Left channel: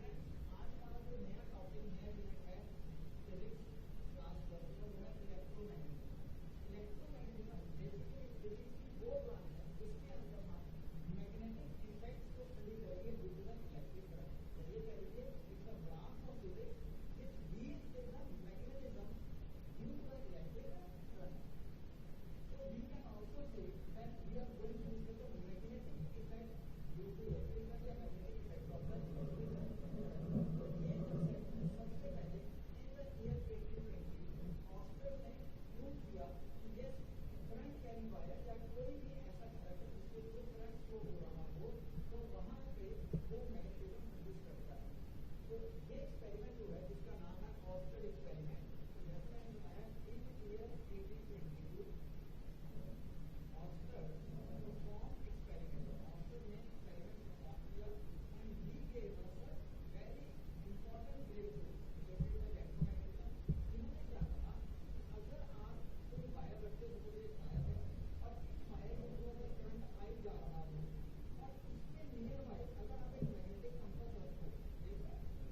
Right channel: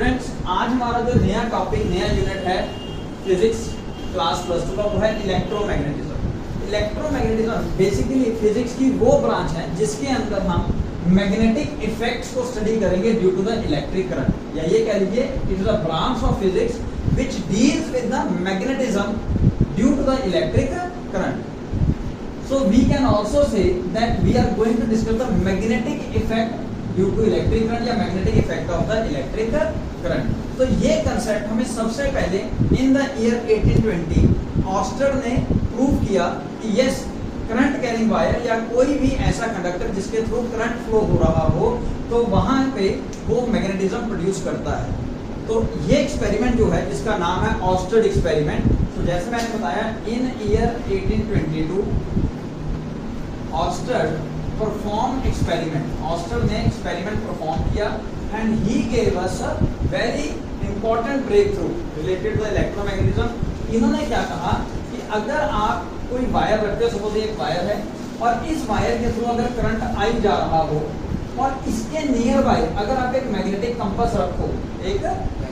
Students, आज हमारा जो नया टॉपिक, नया यूनिट है फिजिक्स क्लास +2 का, वो है इलेक्ट्रोमैग्नेटिज्म। इलेक्ट्रोमैग्नेटिज्म बेसिकली फिजिक्स की वो ब्रांच है जिसके अंदर हम मैग्नेटिक इफेक्ट्स को स्टडी करेंगे due to the electric current, या ये कह लीजिए it is a branch of physics which deals with the magnetism due to the electric current. So we can also say that we are going to discuss the magnetic effect due to electric current या magnetic effect of the electric current. तो ये concept हमें सबसे पहले in the year 1820 oyster ने prove किया कि yes, current carrying wire या कोई भी ऐसा कंडक्टर जिसके थ्रू करंट फ्लो हो रहा हो तो वहां पे वो मैग्नेटिज्म प्रोड्यूस करता है. तो ये एक्सपेरिमेंट जो है जिसका नाम है ऑस्टर एक्सपेरिमेंट. तो जैसे मैंने बताया इन ईयर 1822 ऑस्टर परफॉर्म एक्सपेरिमेंट, ऑस्टर ने एक्सपेरिमेंट परफॉर्म किया and he gave us a very important breakthrough related to electromagnetism. इन्होंने क्या कहा कि अगर आप कोई वायर रखते हो, सपोज एक वायर है और इस वायर के थ्रू अगर करंट आई जा रहा हो और इसके नियर बाय अगर आप एक मैग्नेटिक कंपास रखो, एक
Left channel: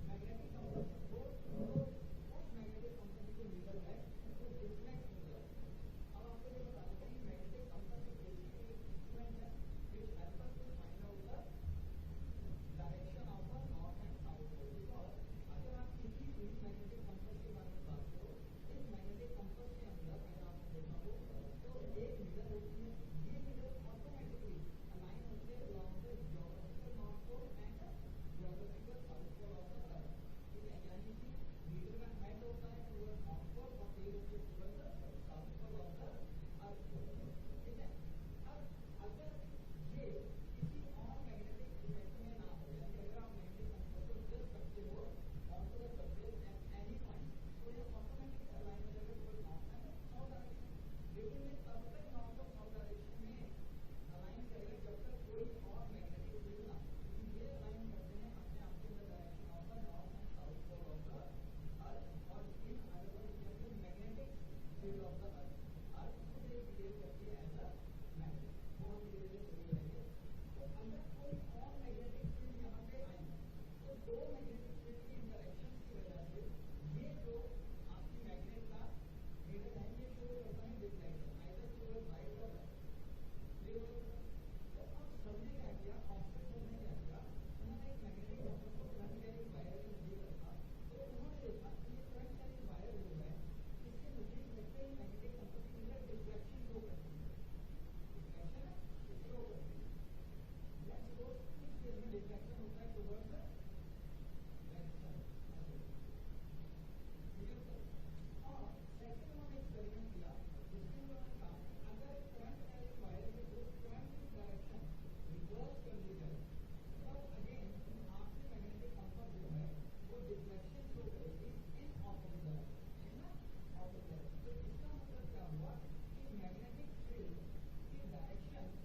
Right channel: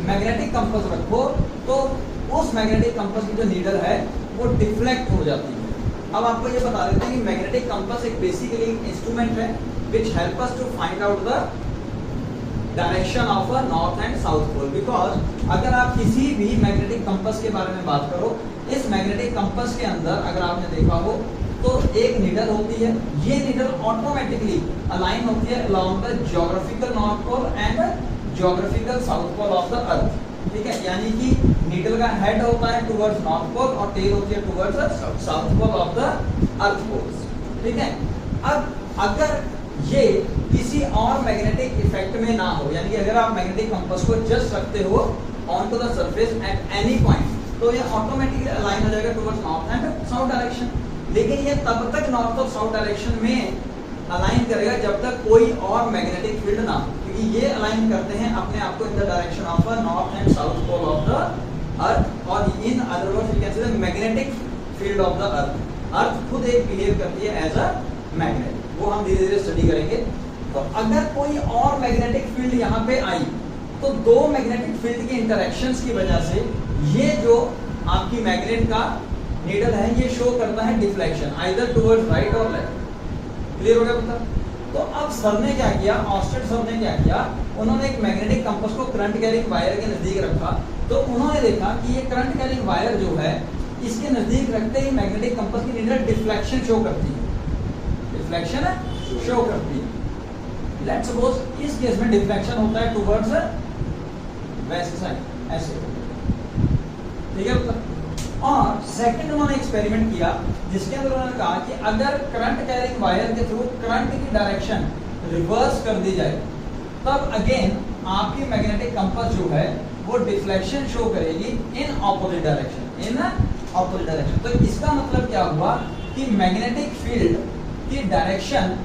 मैग्नेटिक कंपास रखो, तो उस मैग्नेटिक कंपास की जो नीडल है वो डिफ्लेक्ट हो जाती है. अब आपको ये बता देते हैं कि मैग्नेटिक कंपास एक बेसिकली इंस्ट्रूमेंट है which help us to find out the direction of a north and south pole. Because अगर आप किसी भी मैग्नेटिक कंपास के बारे में बात करो, इस मैग्नेटिक कंपास के अंदर अगर आपने देखा हो तो एक नीडल होती है. ये नीडल ऑटोमेटिकली अलाइन होती है along the geographical north pole and geographical south pole of the earth. ठीक है, यानी कि नीडल का हेड होता है टुवर्ड्स नॉर्थ पोल और टेल होती है towards south pole of the earth poles. ठीक है, अब अगर ये किसी और मैग्नेटिक इफेक्ट में ना हो, यानी कि अगर आप मैग्नेटिक कंपास को जस्ट रखते हो on to the surface at any point, तो ये ऑटोमेटिकली अलाइन हो जाएगा towards north and south direction. लेकिन ये तब तक नॉर्थ और साउथ डायरेक्शन में अलाइन करेगा जब तक कोई और मैग्नेटिक फील्ड ना हो, क्योंकि ये अलाइन करते हैं अपने आप को in the direction of north and south pole of the earth, और in other words we can say the magnetic field of the earth. Earth खुद एक बिहेव करती है एज अ मैग्नेट, वो हम धीरे धीरे स्टडी करेंगे. तो अगर कोई और मैग्नेटिक फील्ड यहाँ पे आई तो दो मैग्नेटिक फील्ड के इंटरेक्शंस की वजह से ये जो आपकी मैग्नेट का नीडल है ये शो करता है डिफ्लेक्शन आइदर टुवर्ड्स राइट और लेफ्ट. क्लियर हो गया पता? तो अब सर ने क्या किया, ऑस्टर सर ने क्या किया, उन्होंने एक मैग्नेटिक कंपास को करंट कैरिंग वायर के नजदीक रखा. तो उन्होंने देखा कि ये करंट कैरिंग वायर जो है इसके नजदीक रखते ही मैग्नेटिक कंपास की नीडल डिफ्लेक्शन शो करती है, डिफ्लेक्शन शो करती है. लेट्स सपोज इस केस में डिफ्लेक्शन होता है टुवर्ड्स वेस्ट साइड, ऐसे. ठीक है, और सेकंड उन्होंने एक्सपेरिमेंट किया जिसके अंदर उन्होंने कहा कि अगर करंट कैरिंग वायर के थ्रू करंट की डायरेक्शन रिवर्स कर दी जाए तब अगेन आपकी मैग्नेटिक कंपास जो है वो डिफ्लेक्शन शो करेगी in opposite direction, in opposite direction. तो इसका मतलब क्या हुआ कि मैग्नेटिक फील्ड की डायरेक्शन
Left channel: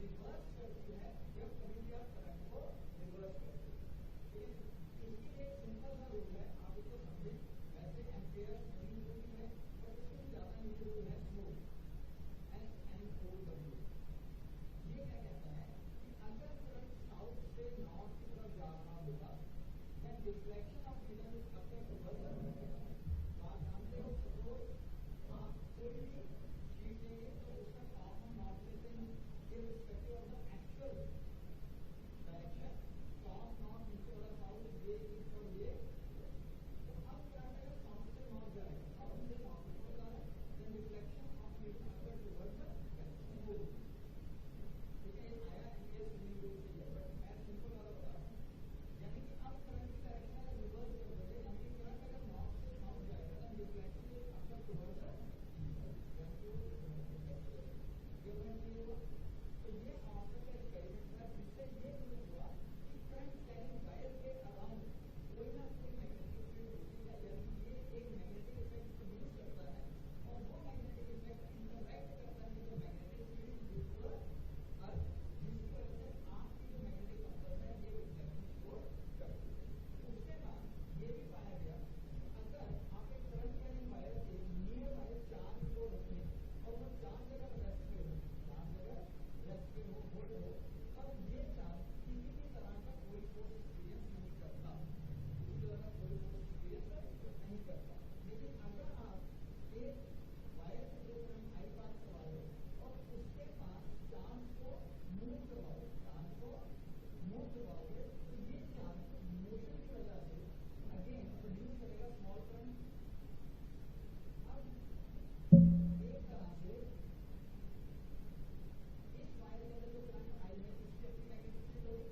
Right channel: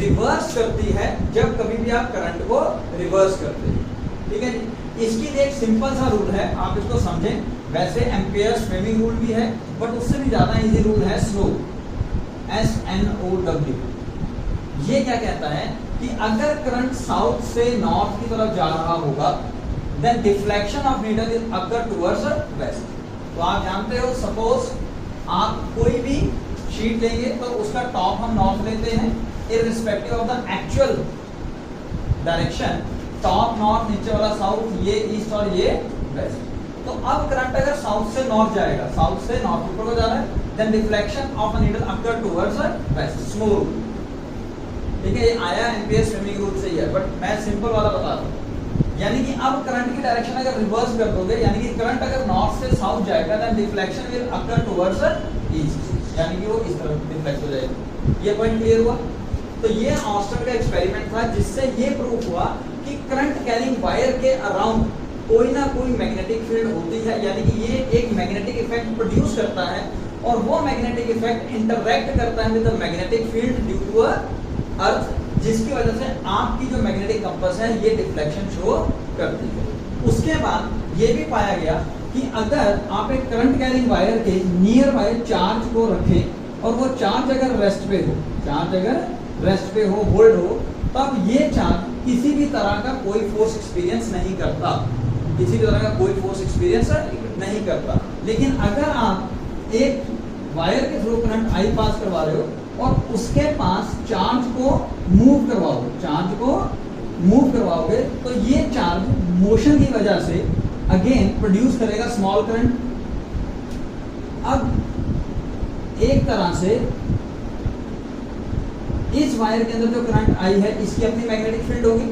रिवर्स करती है जब कभी भी आप करंट को रिवर्स करते हैं. ठीक है जी, इसके लिए एक सिंपल सा रूल है, आप इसको समझें. वैसे एम्पियर स्विमिंग रूल भी है बट उससे भी ज्यादा इजी रूल है स्लो, SNOW. ये क्या कहता है कि अगर करंट साउथ से नॉर्थ की तरफ जा रहा होगा then deflection of needle is occur towards west. तो आप जानते हो, सपोज आप कोई भी शीट लेंगे तो उसका टॉप हम नॉर्थ लेते हैं irrespective of the actual direction. Top north, नीचे वाला साउथ, ये ईस्ट और ये वेस्ट. तो अब करंट अगर साउथ से नॉर्थ जाएगा, साउथ से नॉर्थ ऊपर को जा रहा है, then deflection of a needle occur towards west. Smooth. ठीक है, ये आया एम्पियर स्विमिंग रूल से ही है बट मैं सिंपल वाला बता रहा हूं. यानी कि अब करंट की डायरेक्शन अगर रिवर्स कर दोगे, यानी कि करंट अगर नॉर्थ से साउथ जाएगा then deflection will occur towards east, यानी कि वो इस तरफ डिफ्लेक्ट हो जाएगा. ये पॉइंट क्लियर हुआ? तो ये ऑस्टर का एक्सपेरिमेंट था जिससे ये प्रूफ हुआ कि करंट कैरिंग वायर के अराउंड कोई ना कोई मैग्नेटिक फील्ड होती है, यानी कि ये एक मैग्नेटिक इफेक्ट प्रोड्यूस करता है और वो मैग्नेटिक इफेक्ट इंटरैक्ट करता है with the magnetic field due to earth, जिसकी वजह से आपकी जो मैग्नेटिक कंपास है ये डिफ्लेक्शन शो करती है. उसके बाद ये भी पाया गया कि अगर आप एक करंट कैरिंग वायर के नियर बाय चार्ज को रखें और वो चार्ज अगर रेस्ट पे हो, चार्ज अगर रेस्ट पे हो, होल्ड हो, तब ये चार्ज किसी भी तरह का कोई फोर्स एक्सपीरियंस नहीं करता, किसी भी तरह का कोई फोर्स एक्सपीरियंस नहीं करता। लेकिन अगर आप एक वायर के थ्रू करंट आई पास करवा रहे हो और उसके पास चार्ज को मूव करवाओगे तो ये चार्ज मोशन की वजह से अगेन प्रोड्यूस करेगा स्मॉल करंट। अब एक तरह से इस वायर के अंदर जो करंट आई है इसकी अपनी मैग्नेटिक फील्ड होगी।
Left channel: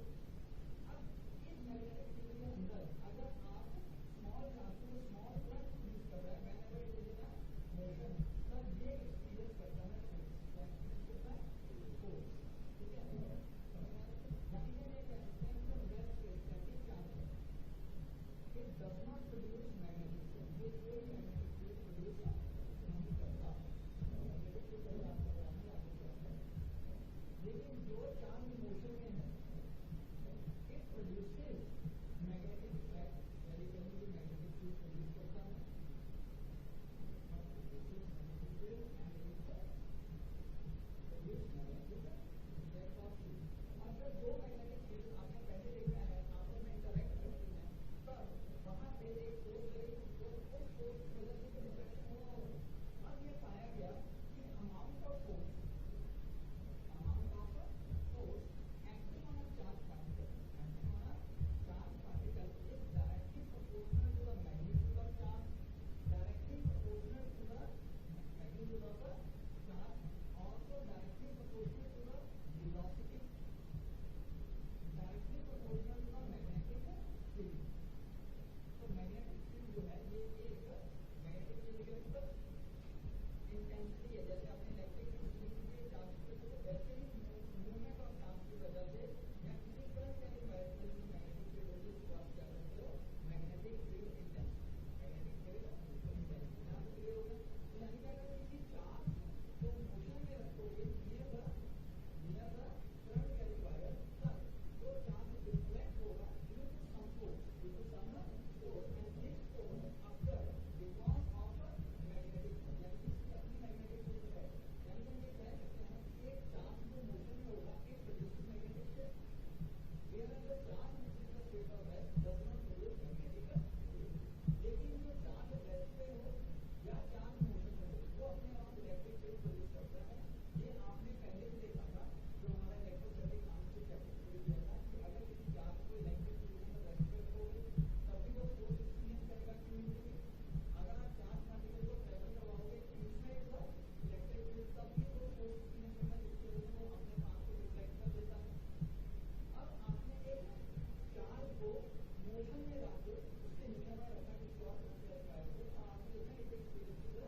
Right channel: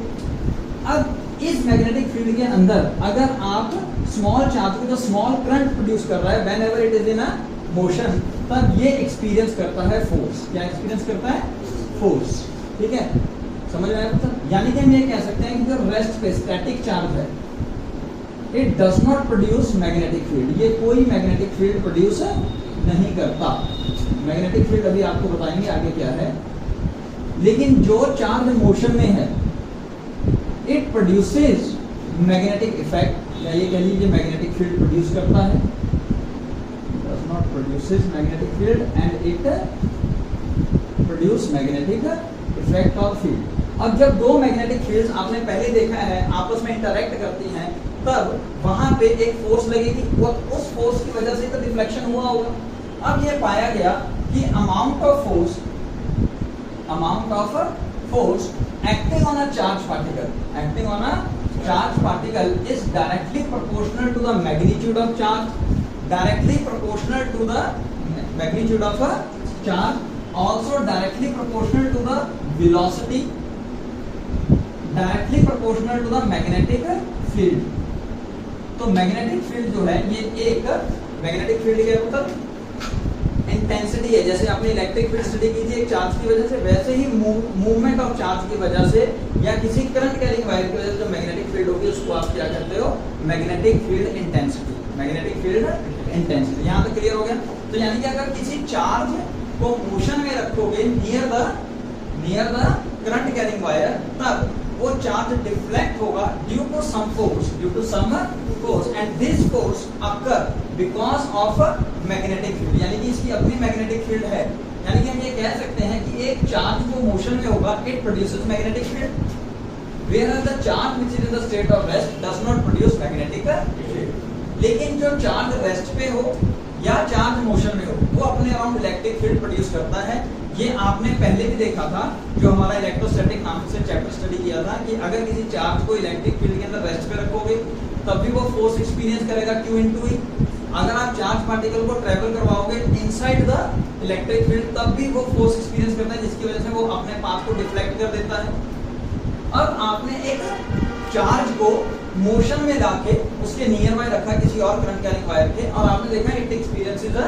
अब इस मैग्नेटिक फील्ड के अंदर अगर आप स्मॉल चार्ज को जो स्मॉल करंट प्रोड्यूस कर रहा है when ever it is in a motion, तब ये एक्सपीरियंस करता है फोर्स। क्या एक्सपीरियंस करता है? फोर्स। ठीक है, समझ में आया? यानी कि हम ये कह सकते हैं कि जो रेस्ट पे स्टैटिक चार्ज है it does not produce magnetic field, ये कोई मैग्नेटिक फील्ड प्रोड्यूस नहीं करता। मैग्नेटिक फील्ड अभी आपको बताएंगे आगे क्या है। लेकिन जो चार्ज मोशन में है इट प्रोड्यूसेस मैग्नेटिक इफेक्ट, या ये कह लीजिए मैग्नेटिक फील्ड प्रोड्यूस करता है, does not produces magnetic field and it produce magnetic effect और फील्ड। अब जब दो मैग्नेटिक फील्ड्स आपने पहले देखा है आपस में इंटरैक्ट करती हैं, तब वहां पे एक फोर्स लगेगी और उस फोर्स की वजह से तो डिफ्लेक्शन हुआ होगा। अब ये पाया गया कि amount of force acting on a charge particle is directly proportional to the magnitude of charge, directly proportional to the magnitude of a charge, also directly proportional to the velocity, directly proportional to the magnetic field। तो magnetic field जो है ये एक magnetic field के मतलब intensity है। जैसे आपने इलेक्ट्रिक फील्ड स्टडी की थी एक चार्ज की वजह से, वैसे ही मूवमेंट ऑफ चार्ज की वजह से या किसी करंट कैरिंग वायर की वजह से जो मैग्नेटिक फील्ड होगी उसको आप क्या कहते हो? Magnetic field intensity. Magnetic field intensity. यहाँ तक क्लियर हो गया? तो यानी कि अगर किसी चार्ज को मोशन में रखोगे near the current carrying wire, तब वो चार्ज डिफ्लेक्ट होगा due to some force and this force occur because of magnetic field. यानी कि इसकी अपनी मैग्नेटिक फील्ड है। यानी कि हम ये कह सकते हैं कि एक चार्ज जो मोशन में होगा it produces magnetic field, whereas the charge which is in the state of rest does not produce magnetic field। लेकिन जो चार्ज रेस्ट पे हो या चार्ज मोशन में हो वो अपने अराउंड इलेक्ट्रिक फील्ड प्रोड्यूस करता है। ये आपने पहले भी देखा था जो हमारा इलेक्ट्रोस्टैटिक नाम से चैप्टर स्टडी किया था कि अगर किसी चार्ज को इलेक्ट्रिक फील्ड के अंदर रेस्ट पे रखोगे तब भी वो फोर्स एक्सपीरियंस करेगा Q into E। अगर आप चार्ज पार्टिकल को ट्रेवल करवाओगे इनसाइड द इलेक्ट्रिक फील्ड तब भी वो फोर्स एक्सपीरियंस करता है, जिसकी वजह से वो अपने पाथ को डिफ्लेक्ट कर देता है। अब आपने एक चार्ज को मोशन में लाके उसके नियर बाय रखा किसी और करंट कैरिंग वायर के, और आपने देखा इट एक्सपीरियंसेस अ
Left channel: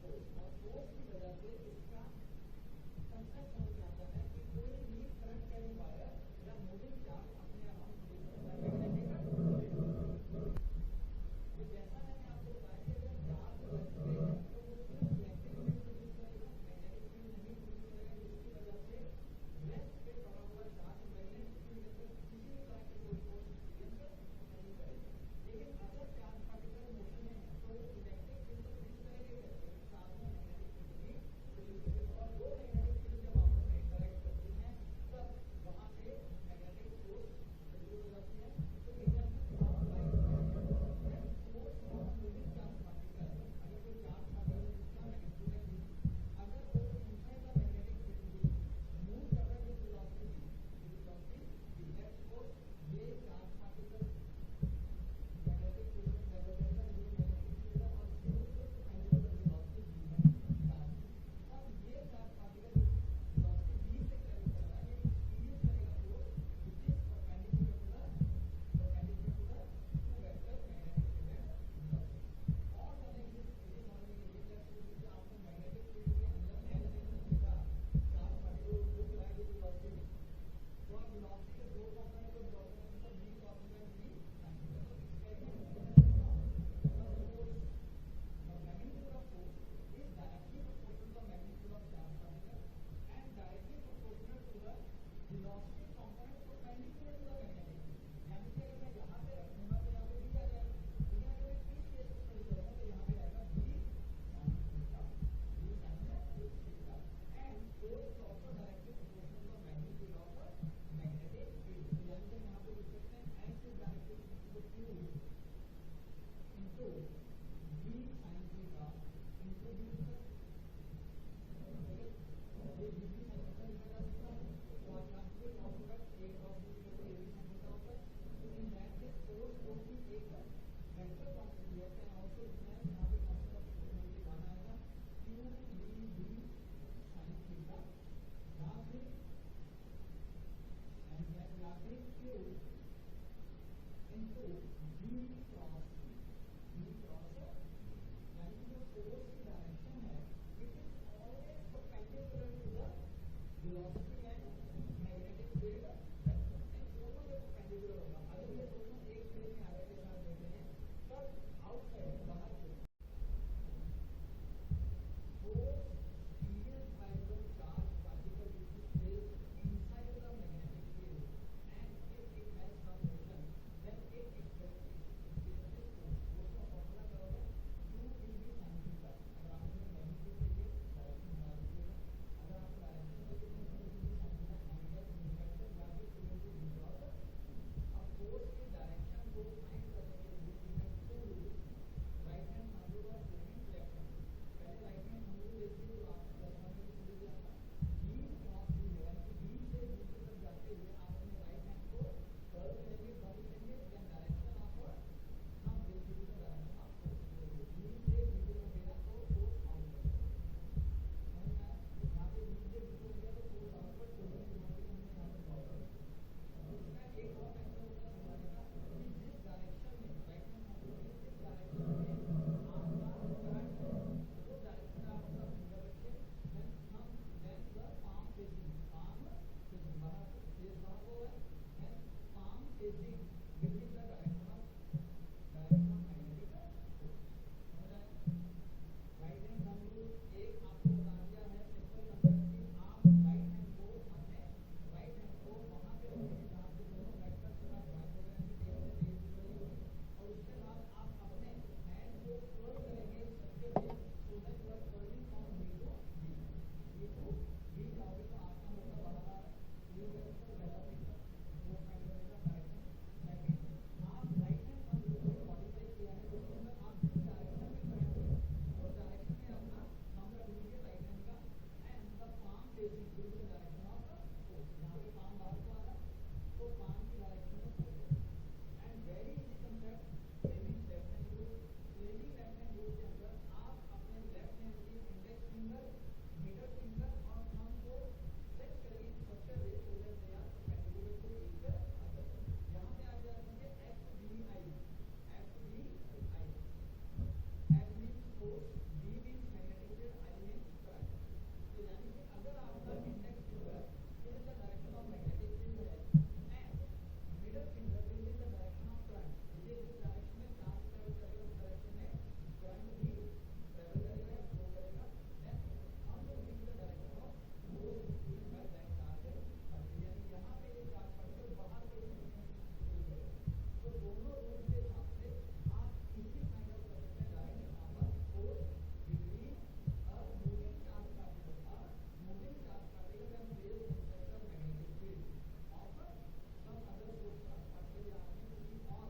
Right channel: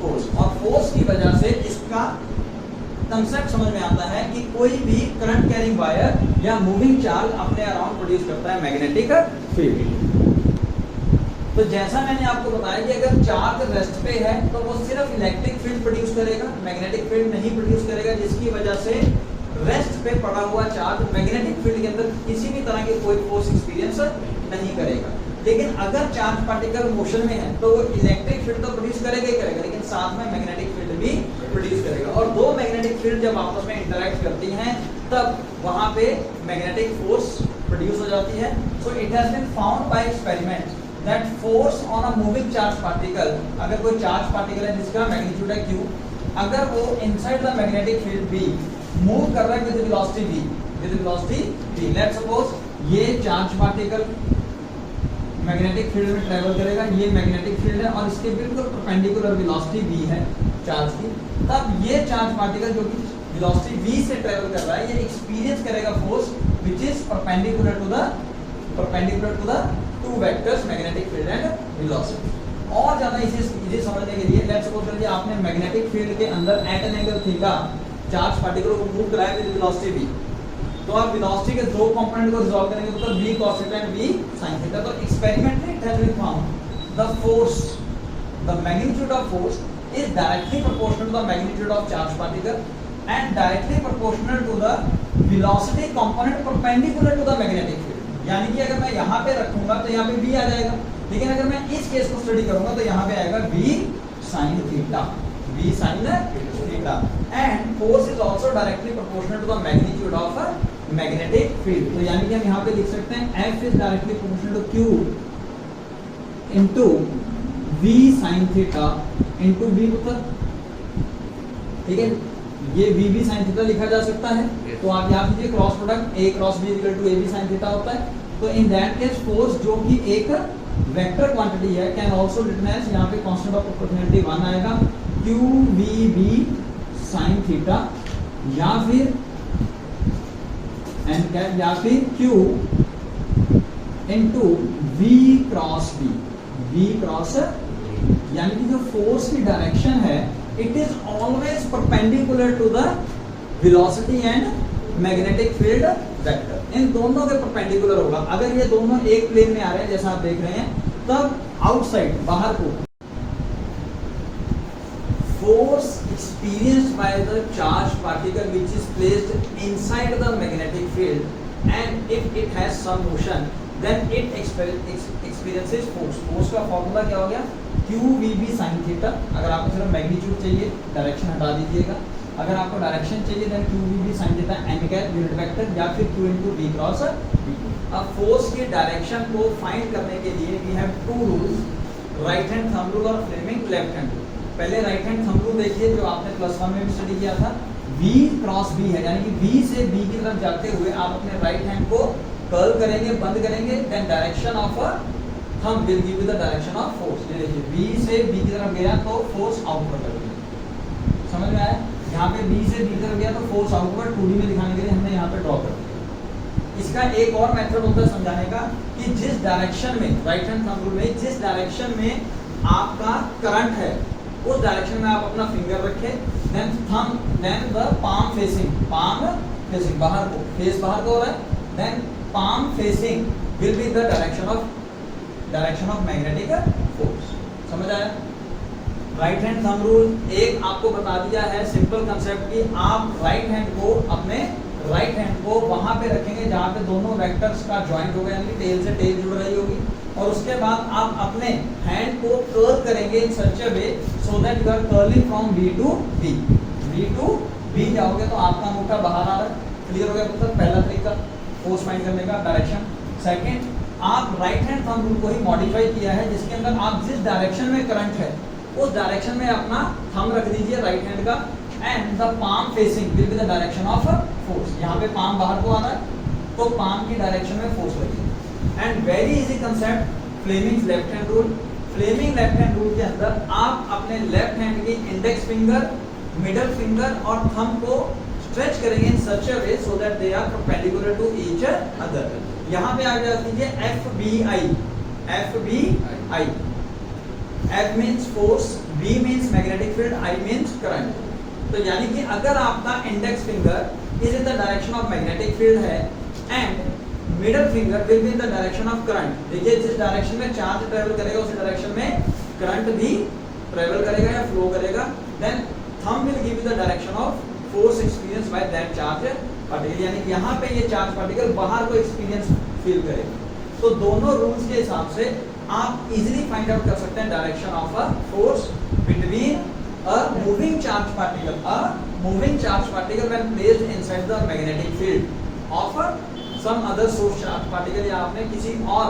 फोर्स, और फोर्स की वजह से इसका कंसेप्ट समझ में आता है कि कोई भी करंट कैरिंग वायर या मूविंग चार्ज अपने अराउंड प्रोड्यूस करता है मैग्नेटिक फील्ड। तो जैसा मैंने आपको बताया कि अगर चार्ज रेस्ट पे है तो वो सिर्फ इलेक्ट्रिक फील्ड प्रोड्यूस करेगा, मैग्नेटिक फील्ड नहीं प्रोड्यूस करेगा, जिसकी वजह से रेस्ट पे पड़ा हुआ चार्ज मैग्नेटिक फील्ड के अंदर किसी भी तरह के कोई फोर्स एक्सपीरियंस नहीं करेगा। लेकिन अगर चार्ज पार्टिकल मोशन में है तो वो इलेक्ट्रिक फील्ड तो प्रोड्यूस करेगा ही करेगा, लेकिन साथ में मैग्नेटिक फील्ड भी प्रोड्यूस करेगा। और दो मैग्नेटिक फील्ड जब आपस में इंटरैक्ट करती हैं तब वहां पे मैग्नेटिक फोर्स प्रोड्यूस हो जाती है। So it has been found by experiment that force on a moving charge particle, अगर कोई चार्ज पार्टिकल है जिसका मैग्नीट्यूड है Q, अगर वो inside the magnetic field B move कर रहा है with velocity v, let's suppose ये चार्ज पार्टिकल मैग्नेटिक फील्ड में ट्रेवल करेगा, ये मैग्नेटिक फील्ड है और इसके बिल्कुल परपेंडिकुलर वेलोसिटी v है चार्ज की, तब ये चार्ज पार्टिकल जो कि वेलोसिटी v से ट्रेवल कर रहा है ये एक्सपीरियंस करेगा force which is perpendicular to the two vectors magnetic field and velocity. और ज्यादा इसे समझने के लिए लेट्स सपोज करिए आपने मैग्नेटिक फील्ड के अंदर at an angle theta charge particle को मूव कराया विद वेलोसिटी v, तो आप वेलोसिटी के दो कंपोनेंट को रिजॉल्व करेंगे तो v cos theta and v sin theta. तो experimentally it has been found the magnitude of force is directly proportional to the magnitude of charge particle and directly proportional to the velocity component perpendicular to the magnetic field। यानी कि अगर मैं यहाँ पे रखूंगा तो यहाँ पे v आ जाएगा, लेकिन अगर मैं इस केस को स्टडी करूंगा तो यहाँ पे आएगा v sin theta. theta and force is also directly proportional to the magnitude of a magnetic field. तो यानी कि हम यहाँ पे लिख सकते हैं F is directly proportional to Q into V sin theta into B पुत्र, ठीक है, ये V B sin theta लिखा जा सकता है। तो आप यहाँ कीजिए cross product A cross B equal to AB sin theta होता है। तो इन दैट केस फोर्स जो कि एक वेक्टर क्वांटिटी है कैन आल्सो रिटन एज, यहाँ पे कांस्टेंट ऑफ प्रोपोर्शनैलिटी 1 आएगा, QVB sin थीटा या फिर एंड क्या, या फिर Q into V cross B, V cross, यानी कि जो फोर्स की डायरेक्शन है it is always perpendicular to the velocity and magnetic field vector. इन दोनों के परपेंडिकुलर होगा। अगर ये दोनों एक प्लेन में आ रहे हैं जैसा आप देख रहे हैं, तब आउटसाइड बाहर को force experienced by the charged particle which is placed inside the magnetic field and if it has some motion then it experiences force. Force का फॉर्मूला क्या हो गया, QVB sin थीटा। अगर आपको सिर्फ मैग्नीट्यूड चाहिए डायरेक्शन हटा दीजिएगा, अगर आपको डायरेक्शन चाहिए then QVB sin theta n cap unit vector या फिर Q into V cross B। अब फोर्स की डायरेक्शन को फाइंड करने के लिए we have two rules, right hand thumb rule और फ्लेमिंग लेफ्ट हैंड रूल। पहले राइट हैंड थंब रूल देखिए जो आपने +1 में भी स्टडी किया था, V क्रॉस B है, यानी कि V से B की तरफ जाते हुए आप अपने राइट हैंड को कर्ल करेंगे, बंद करेंगे, then direction of thumb will give you the direction of force. ये देखिए V से B की तरफ गया तो फोर्स आउटवर्ड लगेगा, समझ में आया। यहाँ पे B से B की तरफ गया तो फोर्स आउटवर्ड 2D में दिखाने के लिए हमने यहाँ पे ड्रॉ कर दिया। इसका एक और मेथड होता है समझाने का कि जिस डायरेक्शन में, राइट हैंड थंब रूल में जिस डायरेक्शन में आपका करंट है उस डायरेक्शन में आप अपना फिंगर रखें, then thumb, then the palm facing बाहर को, फेस बाहर को हो रहा है, then palm facing will be the direction of magnetic force. समझ आया। राइट हैंड थंब रूल एक आपको बता दिया है सिंपल कंसेप्ट कि आप राइट हैंड को, अपने राइट हैंड को वहां पे रखेंगे जहां पे दोनों वेक्टर्स का जॉइंट होगा, यानी टेल से टेल जुड़ रही होगी, और उसके बाद आप अपने हैंड को कर्ल करेंगे in such a way so that you are curling from B to B। B to B जाओगे तो आपका अंगूठा बाहर आ रहा है, क्लियर हो गया पुत्र। पहला तरीका फोर्स फाइंड करने का, डायरेक्शन। सेकंड, आप राइट हैंड थंब रूल को ही मॉडिफाई किया है जिसके अंदर आप जिस डायरेक्शन में करंट है उस डायरेक्शन में अपना थंब रख दीजिए राइट हैंड का, and the palm facing will be the direction of force. यहाँ पे पाम बाहर को आ रहा है तो पाम की डायरेक्शन में फोर्स लगेगी। And very easy concept, Fleming left hand rule. Fleming left hand rule के अंदर आप अपने लेफ्ट हैंड की इंडेक्स फिंगर, मिडल फिंगर और थंब को स्ट्रेच करेंगे in such a way so that they are perpendicular to each other. यहाँ पे आप याद कीजिए FBI, FBI, F means force, B means magnetic field, I means current। तो यानी कि अगर आपका index finger is in the direction of magnetic field है and middle finger will be in the direction of current, देखिए जिस direction में charge travel करेगा उसी डायरेक्शन में करंट भी ट्रेवल करेगा या फ्लो करेगा, then thumb will give you the direction of force experience by that charge particle, यानी कि यहाँ पे ये चार्ज पार्टिकल बाहर को एक्सपीरियंस फील करेगा। तो दोनों रूल्स के हिसाब से आप इजीली फाइंड आउट कर सकते हैं direction of a force between a moving charge particle when placed inside the magnetic field of some other source charge particle, या आपने किसी और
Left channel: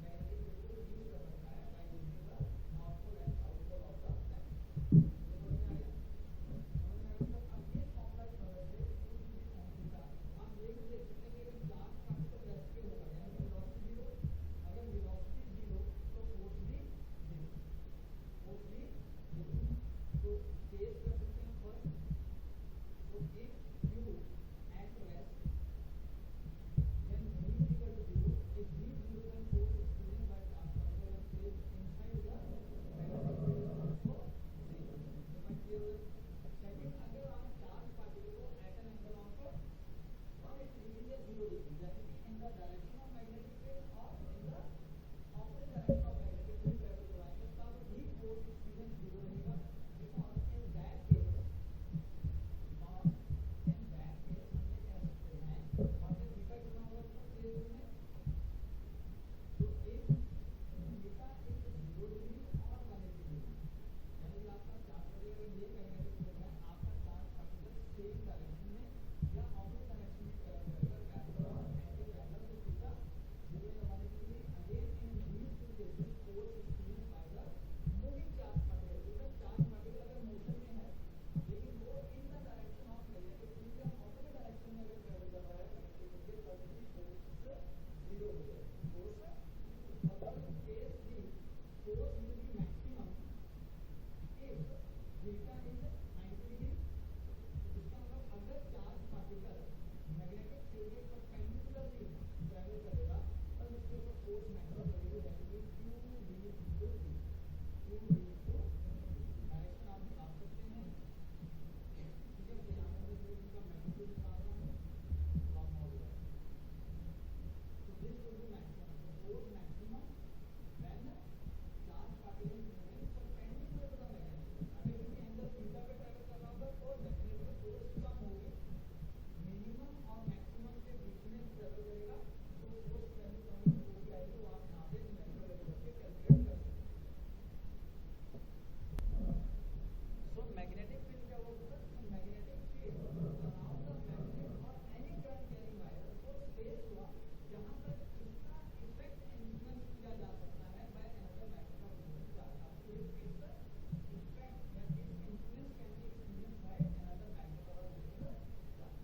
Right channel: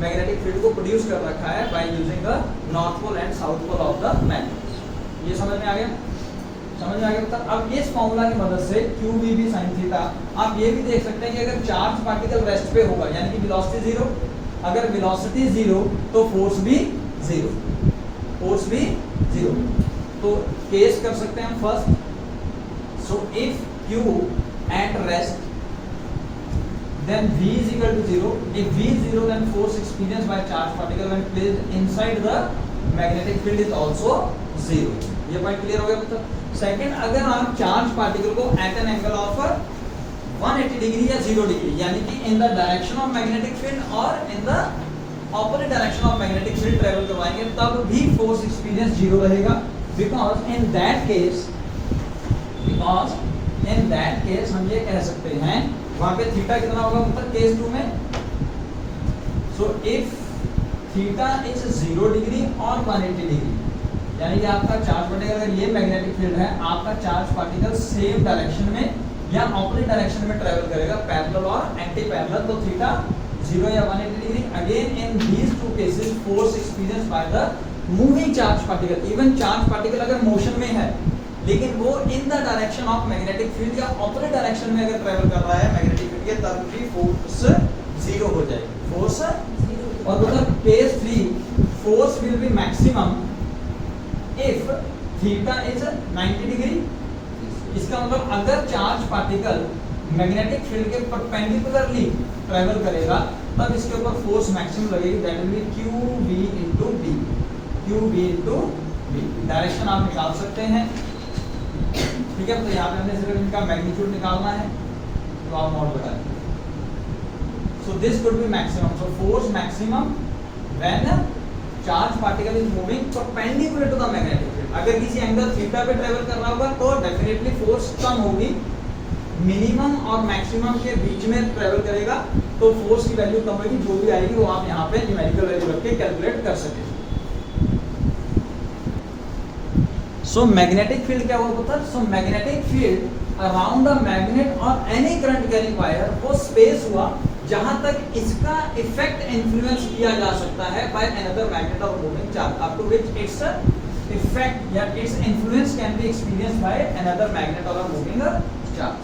मैग्नेटिक फील्ड को प्रोड्यूस कर रखा है by using the north pole and south pole of the magnet. ये समझ में आ गया, समझ में आ गया। अब इस फॉर्मूला की मदद से QVB sin थीटा आप ये भी देख सकते हैं कि अगर चार्ज पार्टिकल रेस्ट पे होगा यानी कि वेलोसिटी 0, अगर वेलोसिटी 0 तो फोर्स भी 0, फोर्स भी 0। तो केस कर सकते हैं हम first. So if Q at rest then V is equal to 0, if V is 0 then force experienced by charge particle when placed inside the magnetic field is also 0। ये point clear हो गया मतलब। Second, अगर आप charge particle को at an angle of 180 degree या 0 degree यानी कि in the direction of magnetic field और in the opposite direction of magnetic field travel करवाएंगे तब भी फोर्स एक्सपीरियंस 0 रहेगा, बिकॉज इन दैट केस हम ये कह सकते हैं वहां पे थीटा कितना होगा मतलब केस 2 में। So if theta is 0 degree और 180 डिग्री यानी कि आपका चार्ज पार्टिकल, अगर ये मैग्नेटिक फील्ड है, आपका चार्ज पार्टिकल सेम डायरेक्शन में या ऑपोजिट डायरेक्शन में ट्रेवल करेगा, पैरेलल और एंटी पैरेलल, तो थीटा 0 या 180 degree. Again in these two cases force experience by the moving charge particle, even charge particle अगर मोशन में है लेकिन वो in the direction of magnetic field या ऑपोजिट डायरेक्शन में अगर ट्रेवल कर रहा है मैग्नेटिक फील्ड के, तब भी फोर्स 0 हो जाएगी, फोर्स 0। और मतलब case 3 force will be maximum if theta is 90 degree. इसका मतलब अगर चार्ज पार्टिकल मैग्नेटिक फील्ड के परपेंडिकुलरली ट्रेवल करेगा तब इसके ऊपर फोर्स मैक्सिमम लगेगी, that will be QV into B, QV into B। Direction आप निकाल सकते हैं, ठीक है। तो यहाँ पे हमने सिर्फ इनका मैग्नीट्यूड निकालना है, तो आप नोट बता दें। So this could be maximum, so force maximum when charge particle is moving perpendicular to the magnetic field. अगर किसी एंगल थीटा पे ट्रेवल कर रहा होगा तो डेफिनेटली फोर्स कम होगी, मिनिमम और मैक्सिमम के बीच में ट्रेवल करेगा तो फोर्स की वैल्यू कम होगी, जो भी आएगी वो आप यहाँ पे न्यूमेरिकल वैल्यू रख के कैलकुलेट कर सके। सो मैग्नेटिक फील्ड क्या होता है? So magnetic field around a magnet और एनी करंट कैरिंग वायर वो स्पेस हुआ जहां तक इसका इफेक्ट इन्फ्लुएंस किया जा सकता है बाय अनदर मैग्नेट और moving charge, up to which its effect या its influence can be experienced by another magnet और मूविंग चार्ज।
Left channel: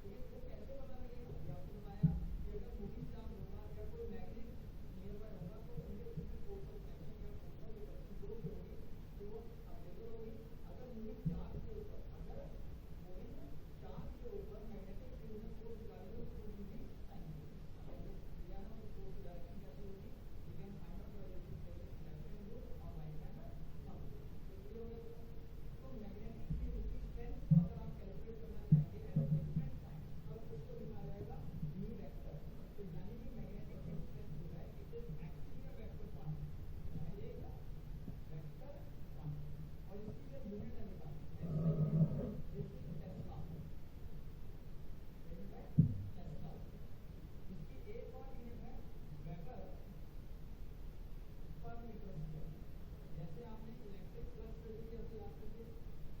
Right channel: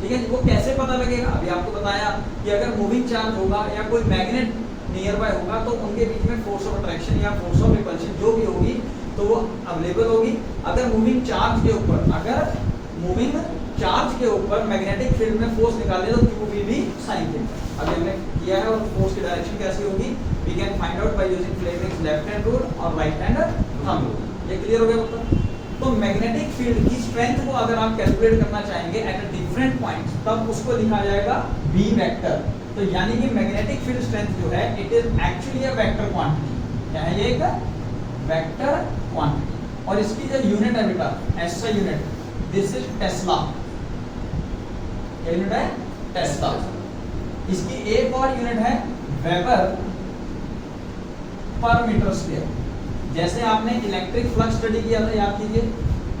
ठीक है, वो कैसे पता लगेगा? अभी आपको बताया कि अगर मूविंग चार्ज होगा या कोई मैग्नेट नियर बाय होगा तो उनके बीच में फोर्स ऑफ अट्रैक्शन या फोर्स ऑफ रिपल्शन जो भी होगी तो वो अवेलेबल होगी। अगर मूविंग चार्ज के ऊपर मैग्नेटिक फील्ड में फोर्स निकाले तो QV भी साइन थीटा। अभी हमने किया है, और फोर्स की डायरेक्शन कैसी होगी we can find out by using Fleming's left hand rule और राइट हैंड थंब रूल। ये क्लियर हो गया मतलब? तो मैग्नेटिक फील्ड की स्ट्रेंथ को अगर आप कैलकुलेट करना चाहेंगे एट अ डिफरेंट पॉइंट्स तब उसको लिखा जाएगा B वेक्टर। तो यानी कि मैग्नेटिक फील्ड स्ट्रेंथ जो है it is actually a vector quantity. क्या है ये? एक वेक्टर क्वांटिटी। और इसकी जो यूनिट है बेटा, ऐसा यूनिट, दिस इज टेस्ला। क्या यूनिट है? टेस्ला। इसकी एक और यूनिट है वेबर पर मीटर स्क्वायर। जैसे आपने इलेक्ट्रिक फ्लक्स स्टडी किया था, याद कीजिए,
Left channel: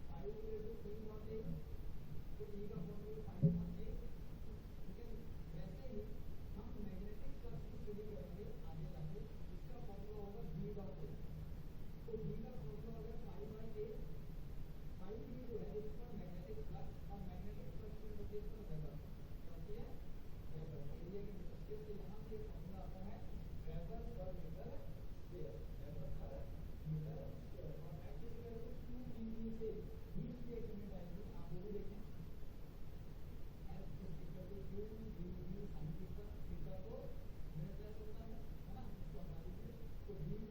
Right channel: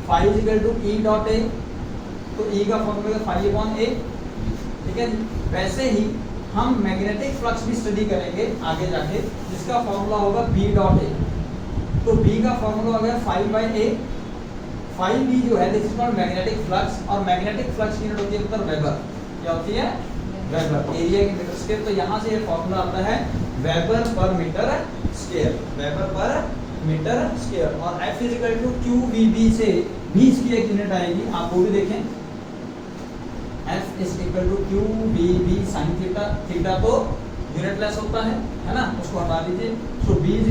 phi = E डॉट A, तो E का फॉर्मूला phi upon A, ठीक है। वैसे ही हम मैग्नेटिक फ्लक्स भी स्टडी करेंगे आगे जाके, जिसका फॉर्मूला होगा B डॉट A। तो B का फॉर्मूला हो गया phi by A। phi B जो है this is called magnetic flux, और मैग्नेटिक फ्लक्स की यूनिट होती है मतलब वेबर। क्या होती है? वेबर, एरिया की मीटर स्क्वायर। तो यहाँ से ये फॉर्मूला आता है weber per metre square, weber per metre square. और F = QVB से भी इसकी एक यूनिट आएगी, आप वो भी देखें। F = QVB sin theta. Theta तो यूनिटलेस होता है ना, उसको हटा दीजिए। सो B =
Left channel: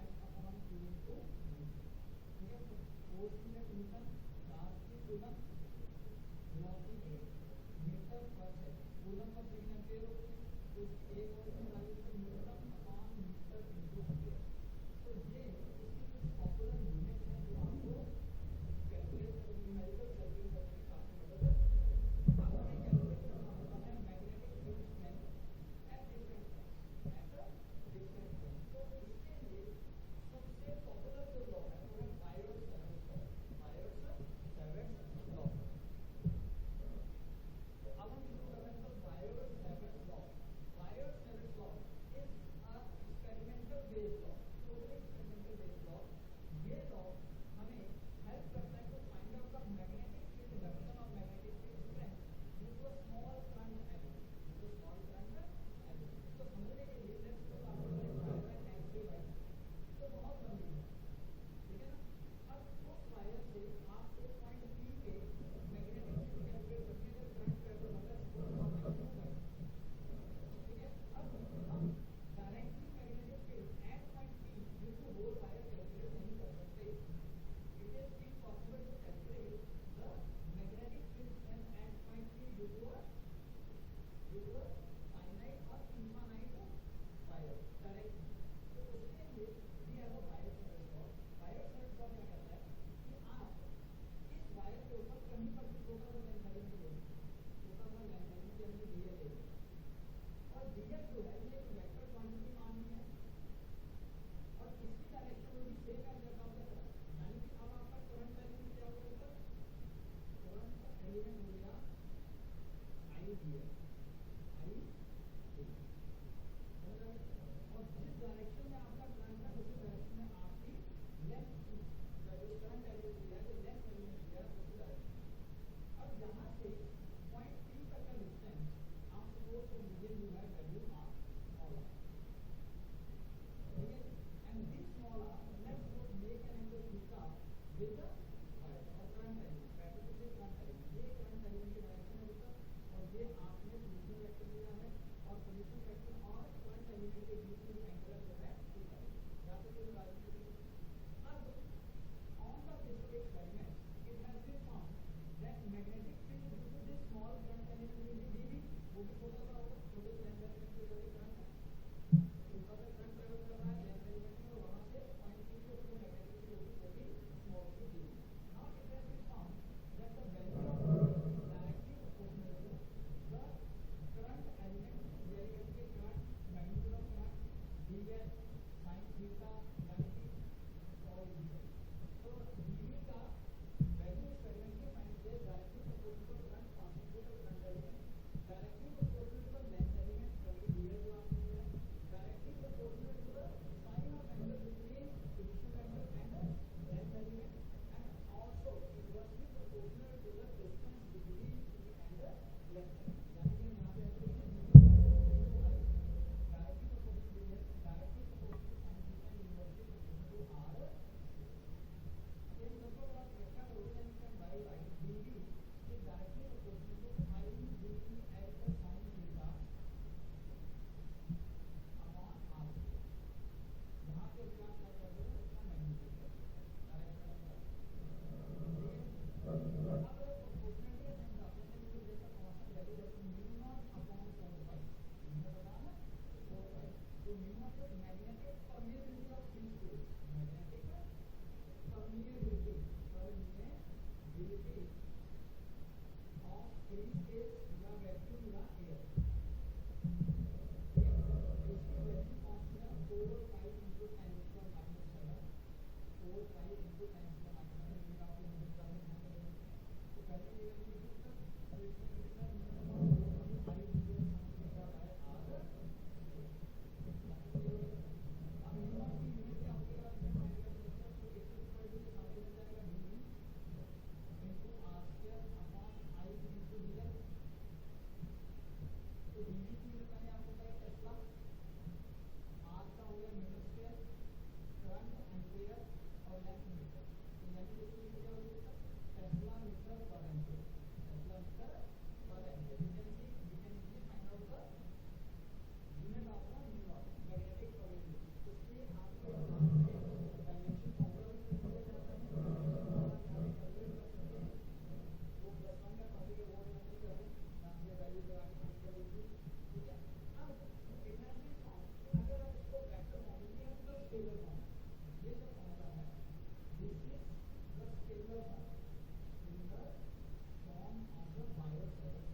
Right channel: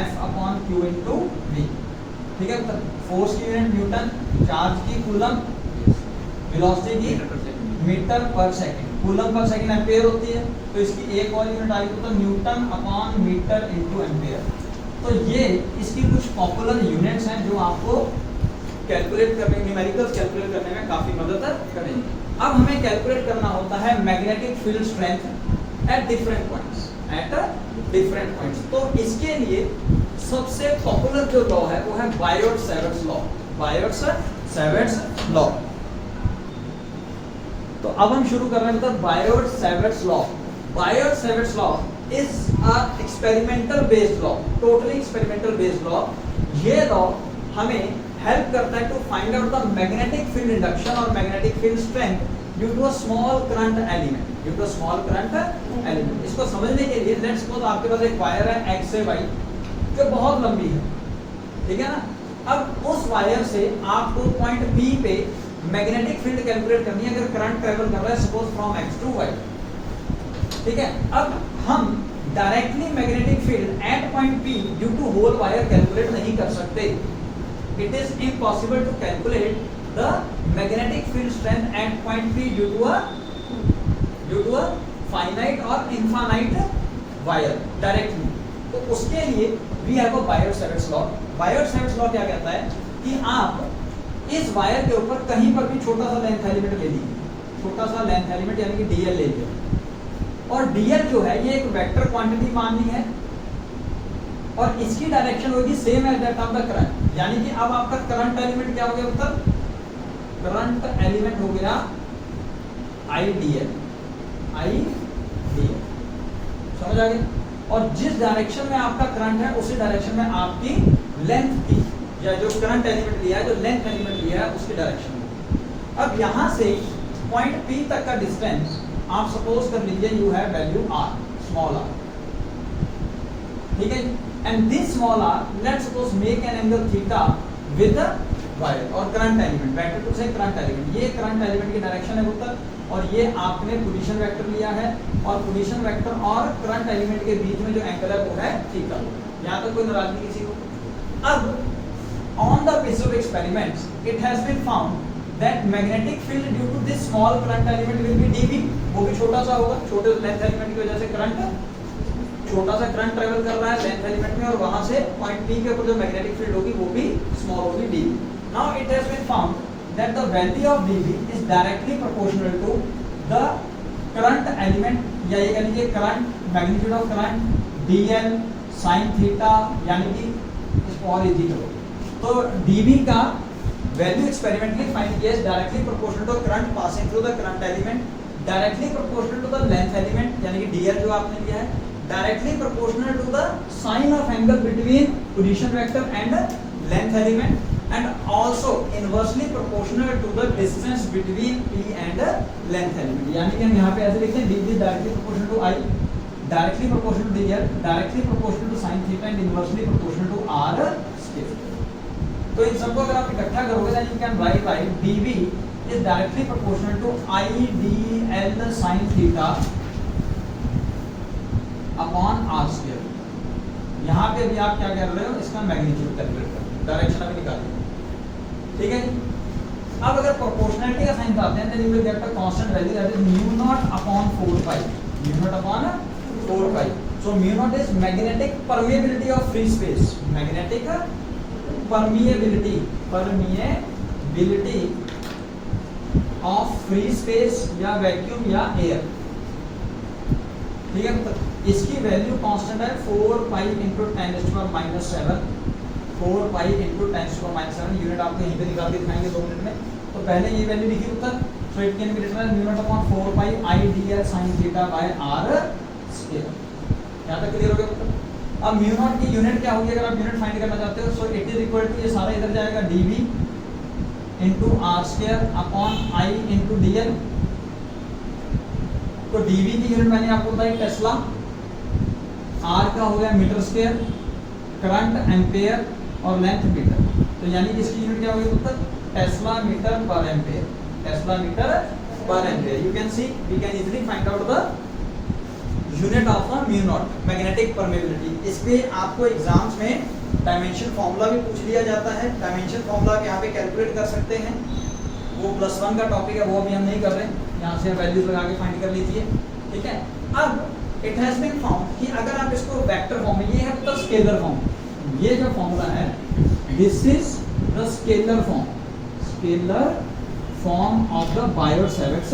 F/Q into V। ठीक है, तो फोर्स की यूनिट न्यूटन, चार्ज की कूलम, वेलोसिटी की मीटर पर second, coulomb per second ampere होती है। तो इसकी एक और यूनिट आएगी तो न्यूटन/मीटर into एम्पेयर। तो ये इसकी कुछ पॉपुलर यूनिट्स हैं जो आपको कैलकुलेट करने, न्यूमेरिकल्स कैलकुलेट करने में काफी मदद करेंगे। अब हमें कैलकुलेट करना होता है magnetic field strength at different points, तो इसके लिए सबसे पॉपुलर जो लॉ है वो है बायोट-सैवर्ट्स लॉ। Biot Savart's law. तो अब हम शुरू कर रहे हैं मतलब Biot Savart's law. Biot Savart's law is a experimental based law, totally experimental based law। ये लॉ हमें हेल्प करता है to find out the magnetic field induction और magnetic field strength due to a small current element. इसको समझने के लिए let's suppose आपके पास एक वायर है X से Y जो बहुत लंबी है, ठीक है ना। अब उस वायर से आपको पॉइंट P पे मैग्नेटिक फील्ड कैलकुलेट करनी है अगर करंट ट्रेवल कर रहा है suppose from X to Y, ठीक है। अब हम directly magnetic field at point P due to whole wire calculate नहीं कर सकते। It is impossible to calculate the magnetic field strength at point P due to a finite और infinite wire directly. तो उसके लिए we have a Biot Savart's law. Biot Savart's law क्या कहता है कि आप इस वायर के ऊपर कहीं पर भी छोटा सा लेंथ एलिमेंट ले लीजिए, छोटा सा लेंथ एलिमेंट यानी कि DL ले लीजिए, और DL जो है ये एक वेक्टर क्वांटिटी माननी है और इसकी डायरेक्शन होगी same as that of the current. यानी कि अब आपका करंट एलिमेंट क्या हो गया उत्तर, करंट एलिमेंट हो गया आईडीएल, आईडीएल, समझ आ गई। और जिस डायरेक्शन में आपका करंट है उसी डायरेक्शन में आपकी लेंथ की, या जो करंट एलिमेंट लिया है, जो लेंथ एलिमेंट लिया है उसकी डायरेक्शन में। अब यहां से पॉइंट P तक का डिस्टेंस आप सपोज कर लीजिए you have value r, small r, ठीक है। And this small r let's suppose make an angle theta with wire और करंट एलिमेंट, वेक्टर टू से करंट एलिमेंट, ये करंट एलिमेंट की डायरेक्शन है उत्तर, और ये आपने पोजीशन वेक्टर लिया है, और पोजीशन वेक्टर और करंट एलिमेंट के बीच में जो एंगल है वो है थीटा। यहां तक कोई नाराजगी किसी को। अब on the basis of experiments it has been found that magnetic field due to this small current element will be dB, वो भी छोटा सा होगा, छोटे लेंथ एलिमेंट की वजह से करंट, छोटा सा करंट ट्रेवल कर रहा है लेंथ एलिमेंट में, और वहां से पॉइंट P के ऊपर जो मैग्नेटिक फील्ड होगी वो भी स्मॉल होगी, dB। Now it has been found that the value of dB is directly proportional to the current element, या ये कह लीजिए current magnitude of current dl sin theta, यानी कि इसको और इजी करो तो dB का वैल्यू एक्सपेरिमेंटली फाइंड किया है directly proportional to current passing through the current element, directly proportional to the length element, यानी कि dl जो आपने लिया है, directly proportional to the sine of angle between position vector and length element, and also inversely proportional to the distance between p and length element. यानी कि हम यहां पे ऐसे लिखते हैं db directly proportional to i, directly proportional to dl, directly proportional to sin theta and inversely proportional to r square. तो इन सबको अगर आप इकट्ठा करोगे then you can write dB is directly proportional to IDL sin theta upon r square. यहां पे अभी आप क्या कर रहे हो, इसका मैग्नीट्यूड कैलकुलेट कर, डायरेक्शन अभी निकालिए, ठीक है जी। अब अगर प्रोपोर्शनलिटी का साइन डालते हैं then you will get a constant value that is mu naught upon 4 pi, mu naught upon 4 pi. So mu naught is magnetic permeability of free space, magnetic permeability of free space या vacuum या air, ठीक है। तो इसकी value constant है 4 pi into 10⁻⁻7, 4 pi into 10⁻⁻7, unit आपको यहीं पे निकाल के दिखाएंगे 2 मिनट में। तो पहले ये वैल्यू लिखी उत्तर, so it can be written as mu naught upon 4 pi IDL sin theta by r square. यहां तक क्लियर हो गया उत्तर। अब म्यू नॉट की यूनिट क्या होगी अगर आप यूनिट फाइंड करना चाहते हो, so it is equal to, ये सारा इधर जाएगा dB into r square upon I into dl। तो dB की यूनिट मैंने आपको बताई टेस्ला, r का हो गया मीटर स्क्वायर, करंट एम्पेयर और लेंथ मीटर। तो यानी कि इसकी यूनिट क्या होगी उत्तर, tesla metre per ampere, tesla metre per ampere. You can see we can easily find out the unit of the mu not, magnetic permeability. इस पे आपको एग्जाम्स में डायमेंशन फार्मूला भी पूछ लिया जाता है, डायमेंशन फार्मूला आप यहाँ पे कैलकुलेट कर सकते हैं, वो +1 का टॉपिक है, वो अभी हम नहीं कर रहे, यहाँ से वैल्यूज लगा के फाइंड कर लीजिए, ठीक है। अब इट हैज बीन फाउंड कि अगर आप इसको वेक्टर फॉर्म में, ये है तो स्केलर फॉर्म, ये जो फार्मूला है this is the scalar form, scalar form of the Biot Savart's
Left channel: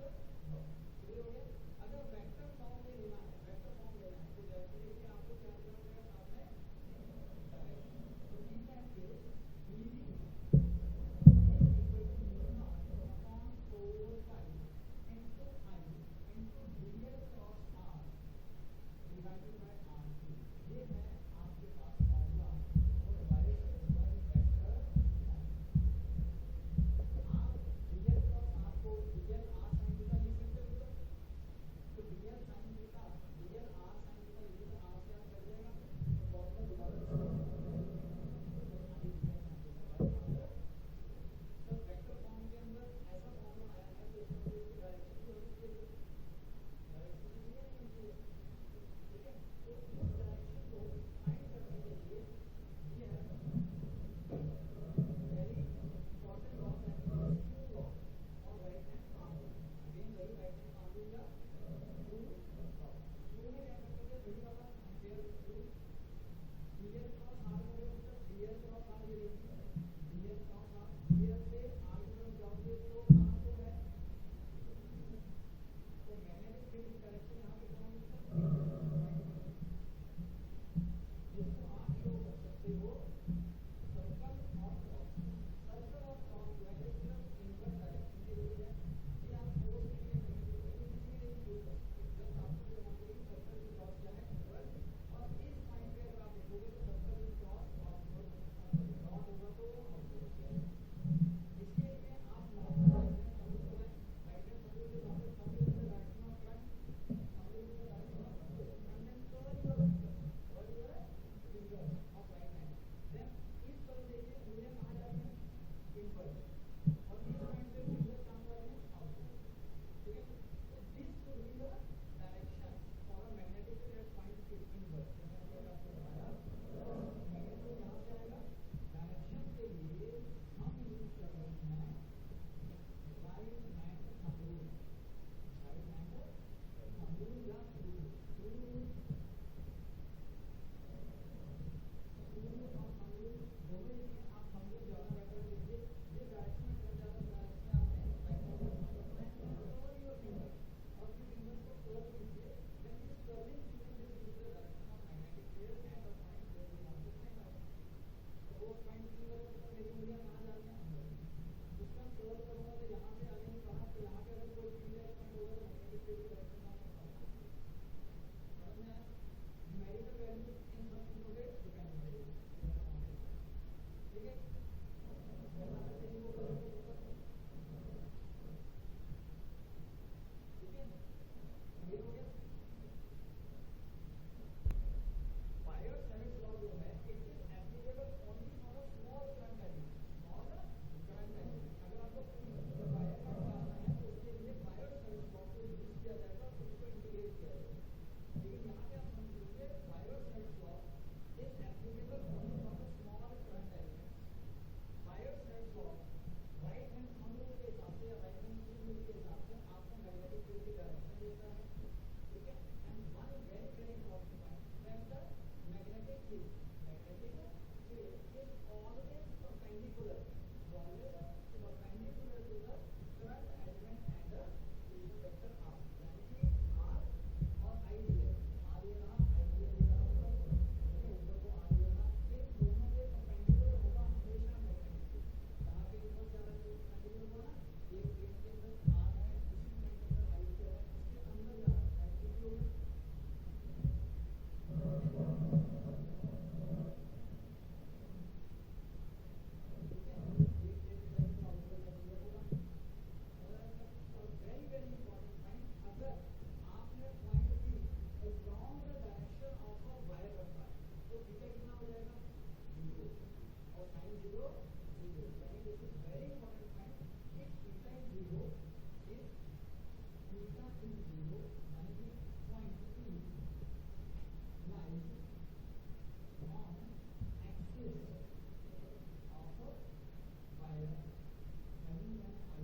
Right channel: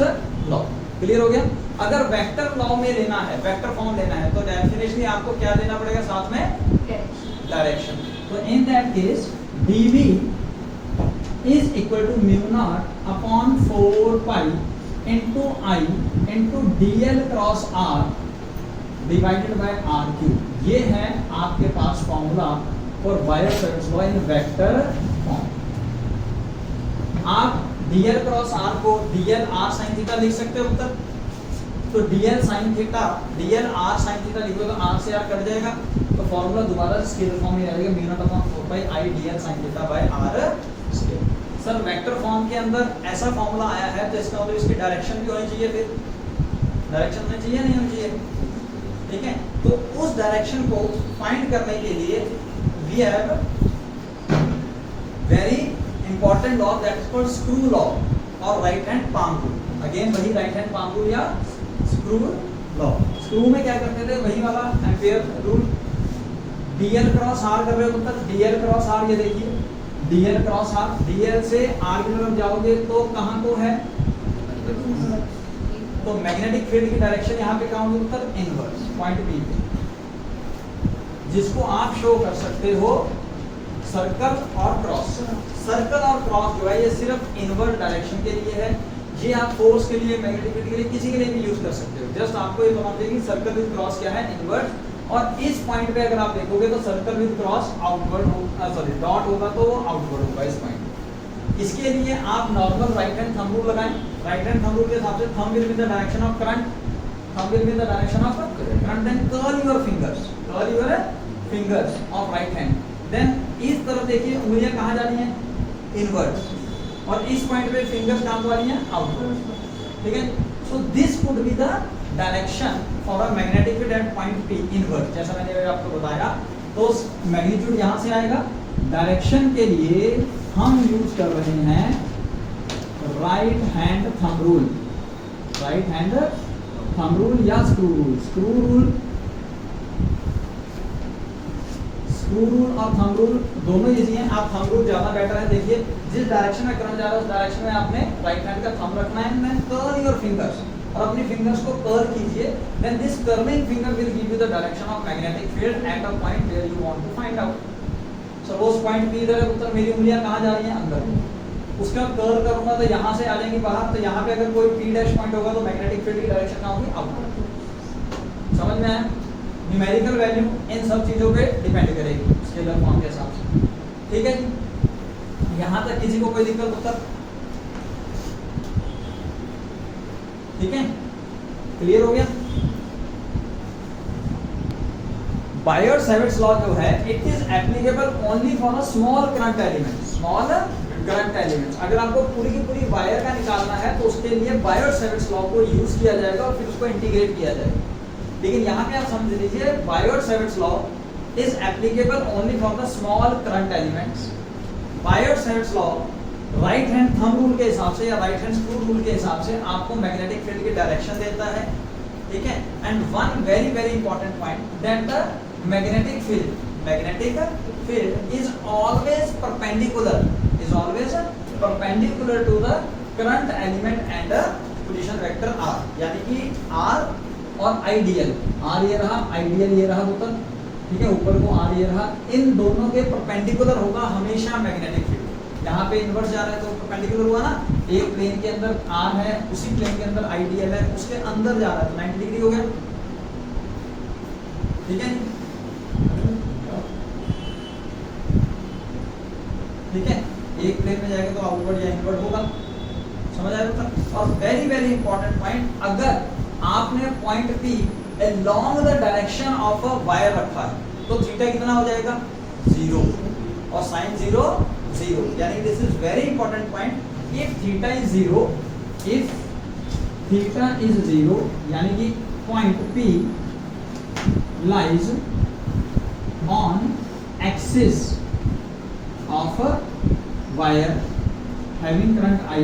law. Clear हो गया। अगर वेक्टर लॉ में लेना है, वेक्टर फॉर्म लेना है, तो डेफिनेटली आपको क्या देना पड़ेगा साथ में, डायरेक्शन। तो in that case dB is equal to mu naught upon 4 pi into I into dl cross r divided by r cube। ये है आपके पास formula for Biot Savart's law in vector form. आप dl क्रॉस r को dl r sin theta लिख सकते हो उत्तर। तो dl sin theta, dl r sin theta लिखो तो r से r कट जाएगा, तो फॉर्मूला दोबारा स्केलर फॉर्म में रहेगा mu naught upon 4 pi I dl sin theta by r square. Sir vector form के अंदर ऐसा फॉर्मूला आया है तो इसका मतलब इसकी डायरेक्शन भी होनी चाहिए, फिर डायरेक्शन होनी चाहिए नहीं होनी चाहिए, ठीक है। तो उस डायरेक्शन को फाइंड करने के लिए we have very important law that is called screw law और right hand palm rule. Again वही राइट हैंड पाम रूल या स्क्रू लॉ। स्क्रू में क्या करते थे, वही वाला ampere rule, dl cross r कर रहे हो मतलब dl क्रॉस r, ये देखिए dl क्रॉस r, dl से r की तरफ जाओगे तो कहां को है, तो मैग्नेटिक फील्ड की डायरेक्शन यहाँ पे कहां होगी उत्तर, इनवर्स पॉइंट B पे, जिसको आप शो कर सकते हो सर्कल और क्रॉस। सर्कल और क्रॉस जो है ये सिर्फ इनवर्ट डायरेक्शन के लिए है, ये आप फोर्स के लिए, मैग्नेटिक फील्ड के लिए, किसी के लिए भी यूज कर सकते हो। जस्ट आपको ये पता चाहिए कि सर्कल विद क्रॉस क्या है, इनवर्ट। और इस पॉइंट पे अगर आप देखोगे तो सर्कल विद क्रॉस आउटवर्ड होगा, सॉरी डॉट होगा तो वो आउटवर्ड होगा इस पॉइंट। इसके लिए आप normal right hand thumb rule लगाएं। राइट हैंड थंब रूल के हिसाब से thumb will be the direction of current, thumb will be in the direction of current, then curl your fingers of right hand, then इस तरफ देखिए उंगलियां कहाँ जा रही हैं, इनवर्ट, और इस पॉइंट पे फिंगर्स कहाँ जा रही हैं, आउटवर्ड, ठीक है। So this could be the direction for a magnetic field at point P inward, जैसा मैंने आपको बताया। तो मैग्नीट्यूड यहाँ से आएगा। डायरेक्शन के लिए हम यूज कर रहे हैं right hand thumb rule, right hand thumb rule या स्क्रू रूल। स्क्रू रूल और थंब रूल दोनों इजी हैं। आप थंब रूल ज्यादा बेटर है। देखिए जिस डायरेक्शन में करंट जा रहा है उस डायरेक्शन में आपने राइट हैंड का थंब रखना है, देन कर्ल योर फिंगर्स, और अपनी फिंगर्स को कर्ल कीजिए। Then this curling finger will give you the direction of magnetic field at a point where you want to find out. Suppose point P इधर है, उत्तर मेरी उंगलियां कहां जा रही हैं, अंदर। उसका कर्ल करूंगा तो यहां से आ जाएंगी बाहर, तो यहां पे अगर कोई P डैश पॉइंट होगा तो मैग्नेटिक फील्ड की डायरेक्शन कहां होगी, आउटवर्ड। समझ में आया? न्यूमेरिकल वैल्यू इन सब चीजों पे डिपेंड करेगी स्केलर फॉर्म के हिसाब से, ठीक है जी। यहां तक किसी को कोई दिक्कत उत्तर, ठीक है, क्लियर हो गया? बायर-सेविट्स लॉ जो है it is applicable only for a small current element, small current elements. अगर आपको पूरी की पूरी वायर का निकालना है तो उसके लिए बायर-सेविट्स लॉ को यूज किया जाएगा और फिर उसको इंटीग्रेट किया जाएगा। लेकिन यहाँ पे आप समझ लीजिए Biot Savart's law is applicable only for the small current elements. Biot Savart's law right hand thumb rule के हिसाब से या राइट हैंड स्क्रू रूल के हिसाब से आपको मैग्नेटिक फील्ड की डायरेक्शन देता है, ठीक है। And one very very important point that the magnetic field is always perpendicular, to the current element and position vector r, यानी कि r और आइडियल, r ये रहा, आइडियल ये रहा उत्तर, ठीक है, ऊपर को r ये रहा, इन दोनों के परपेंडिकुलर होगा हमेशा मैग्नेटिक फील्ड। यहाँ पे इनवर्स जा रहा है तो परपेंडिकुलर हुआ ना, एक प्लेन के अंदर r है, उसी प्लेन के अंदर आइडियल है, उसके अंदर जा रहा है तो 90 डिग्री हो गया, ठीक है, ठीक है। एक प्लेन में जाएगा तो आउटवर्ड या इनवर्ड होगा, समझ आया उत्तर? और वेरी वेरी इंपॉर्टेंट पॉइंट, अगर आपने point P along the direction of a wire रखा है तो थीटा कितना हो जाएगा, 0, और साइन 0 0, यानी this is very important point. If theta is 0, यानी कि point P lies on axis of a wire having current I,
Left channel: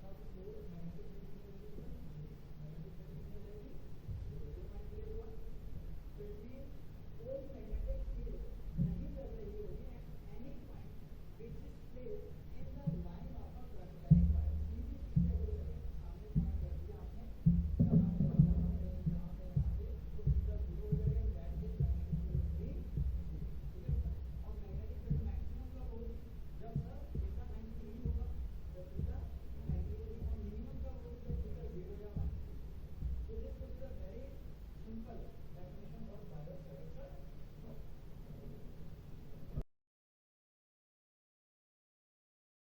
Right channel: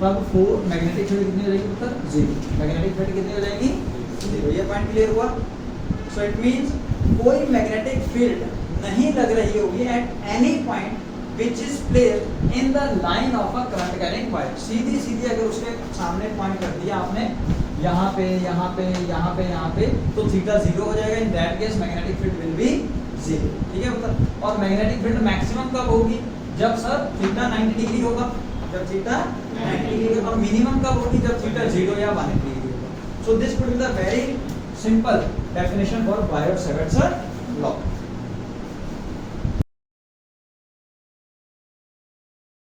तब फोर मैग्नेटिक फील्ड कितनी हो जाएगी उत्तर, 0। मैग्नेटिक फील्ड कितनी हो जाएगी, 0। ये पॉइंट क्लियर हुआ? सो इट मींस कोई मैग्नेटिक फील्ड नहीं लग रही होगी at any point which is placed in the line of a current carrying wire. सीधी सीधी अगर उसके सामने पॉइंट कर दिया आपने, यहाँ पे यहाँ पे यहाँ पे यहाँ पे, तो थीटा 0 हो जाएगा। In that case magnetic field will be 0, ठीक है उत्तर। और मैग्नेटिक फील्ड मैक्सिमम कब होगी, जब सर थीटा 90 डिग्री होगा, जब थीटा 90 डिग्री, और मिनिमम कब होगी, जब थीटा 0 या 180 डिग्री होगा। So this could be the very simple definition for Biot Savart's law.